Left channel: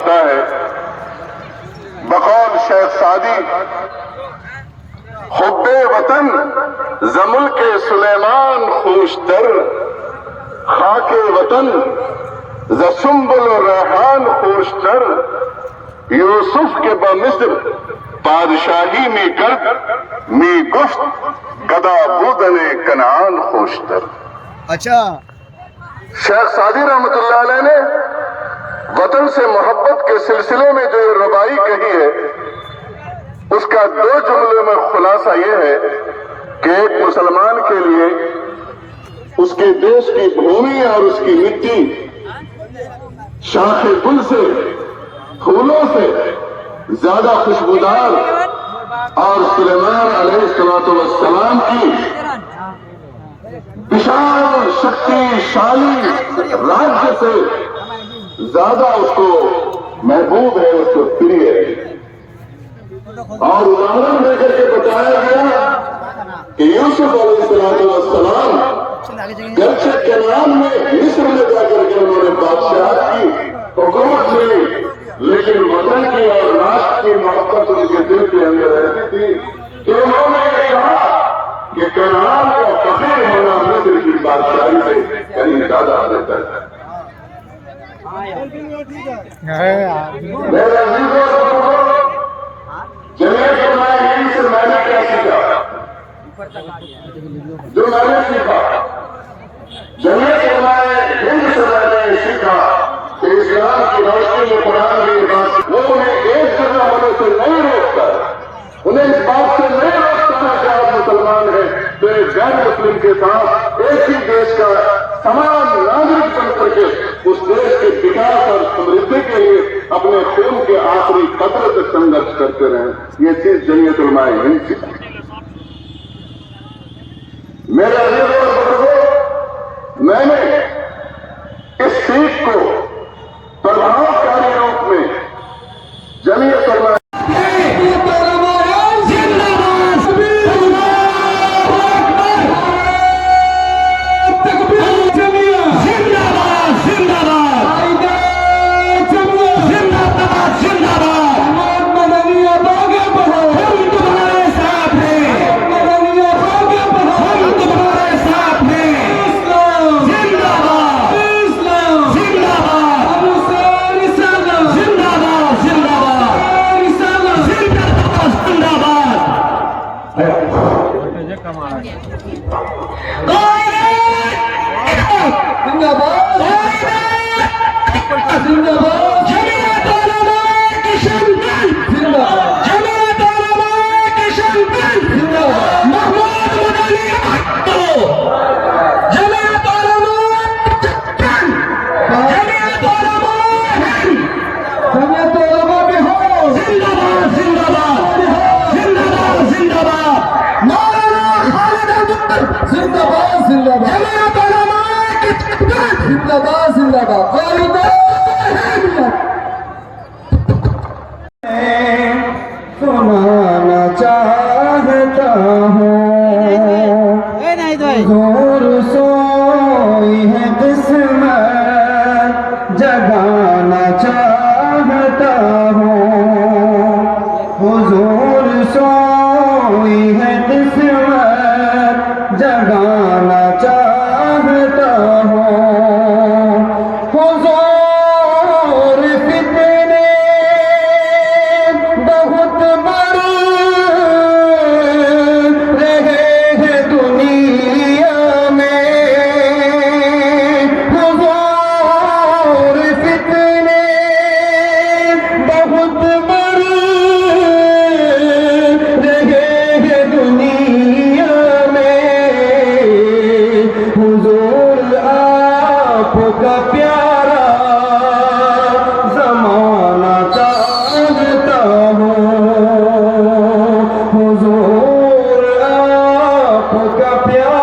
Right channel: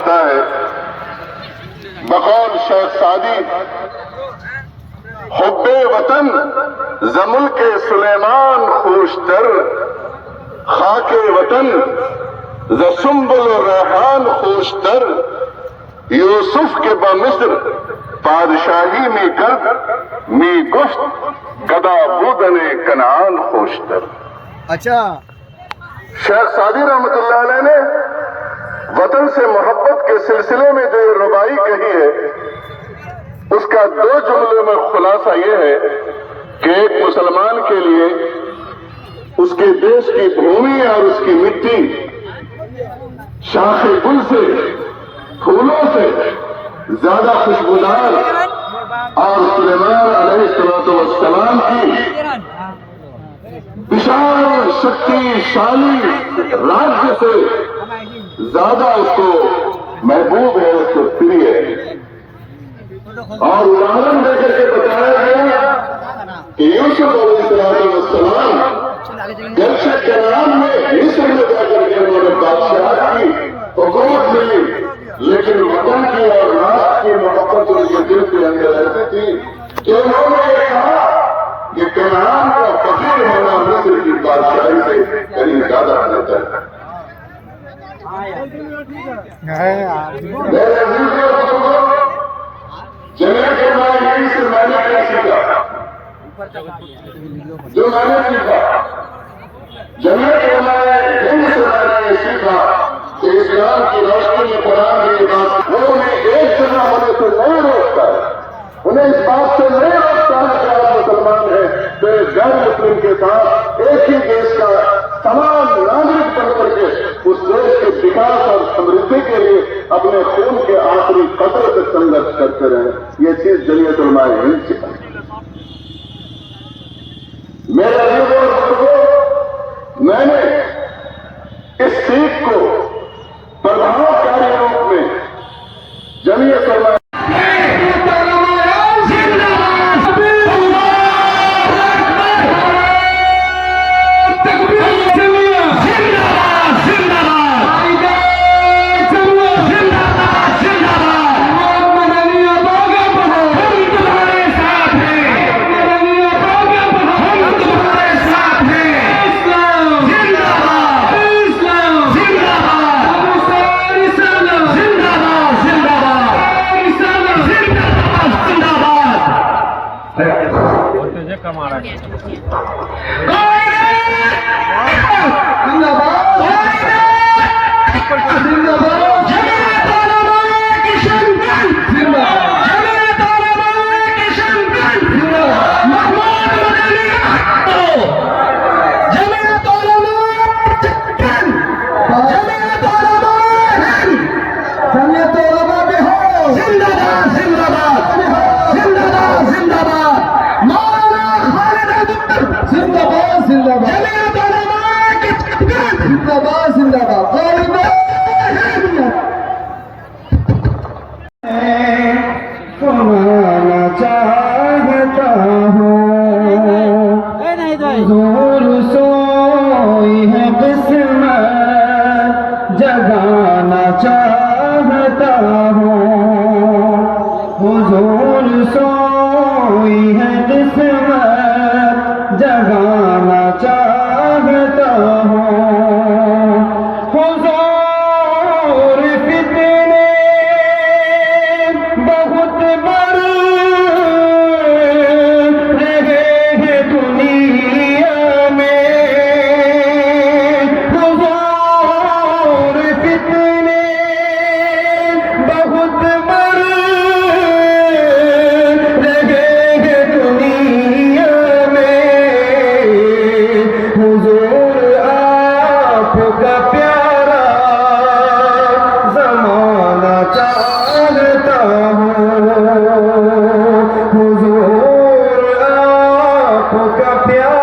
फरमाता है बकौल शेख सादी, हुब्बे वतन जमुल के सुलेमान खुशतर, खाके वतन ज़सुम्बुल रेहान खुशतर, यूसुफ के बमिस्र बादशाही में कर में गुफ्त गदा बूदने कनान खुशतर। अच्छा, शेख सादी रहमतुल्लाह अलैह ने वतन से मोहब्बत के सिलसिले में जो रुबाई कही है, उसका दो जुमलों में खुलासा यह है कि एक मुसलमान के लिए उसके देश की भूमि और उसकी मिट्टी शाखे गुल से, फूलों से ज्यादा खुशबूदार और सुलेमान अलैहिस्सलाम की विशाल शक्तिशाली राज्य से ज्यादा उसको महबूब है, उसको प्रिय है। और उदाहरण देकर के बताया गया कि यूसुफ अलैहिस्सलाम जलशे कनान में मिस्र में जाकर के उन्होंने बादशाह की हुकूमत मिली, लेकिन वतन की और राष्ट्र की मोहब्बत उनके दिल के अंदर ऐसी थी कि उन्होंने कहा कि कनान का फकीर होना मिस्र की बादशाही से कहीं ज्यादा बेहतर है। से मैंने क्या सीखा, जो मैंने सीखा जमीयत उलमाए हिंद से मैंने सीखा कि इस्लाम की रोशनी में कुरान की बात वो उन्हें एक जगह होने से नहीं रोकता, उन्हें इस बात से नहीं रोकता है कि आप मुसलमान हैं, फिर गैर मुस्लिम के साथ एक ही देश का तमाम नागरिक बन करके उस देश के विकास और समृद्धि के लिए अपने खून के आखिरी कतरे तक संघर्ष करते रहे। ये चीज जमीयत उलमाए हिंद से मेरा मैंने इस सीख को प्रभावकारी रूप में जमीयत उलमाए सुनाना चाहता हूँ हुजूर सोई है किस्मत जगाना चाहता हूँ, हुजूर सोई है किस्मत जगाना चाहता हूँ। आपका प्यारा ज़माना चाहता हूँ, हुजूर आपका प्यारा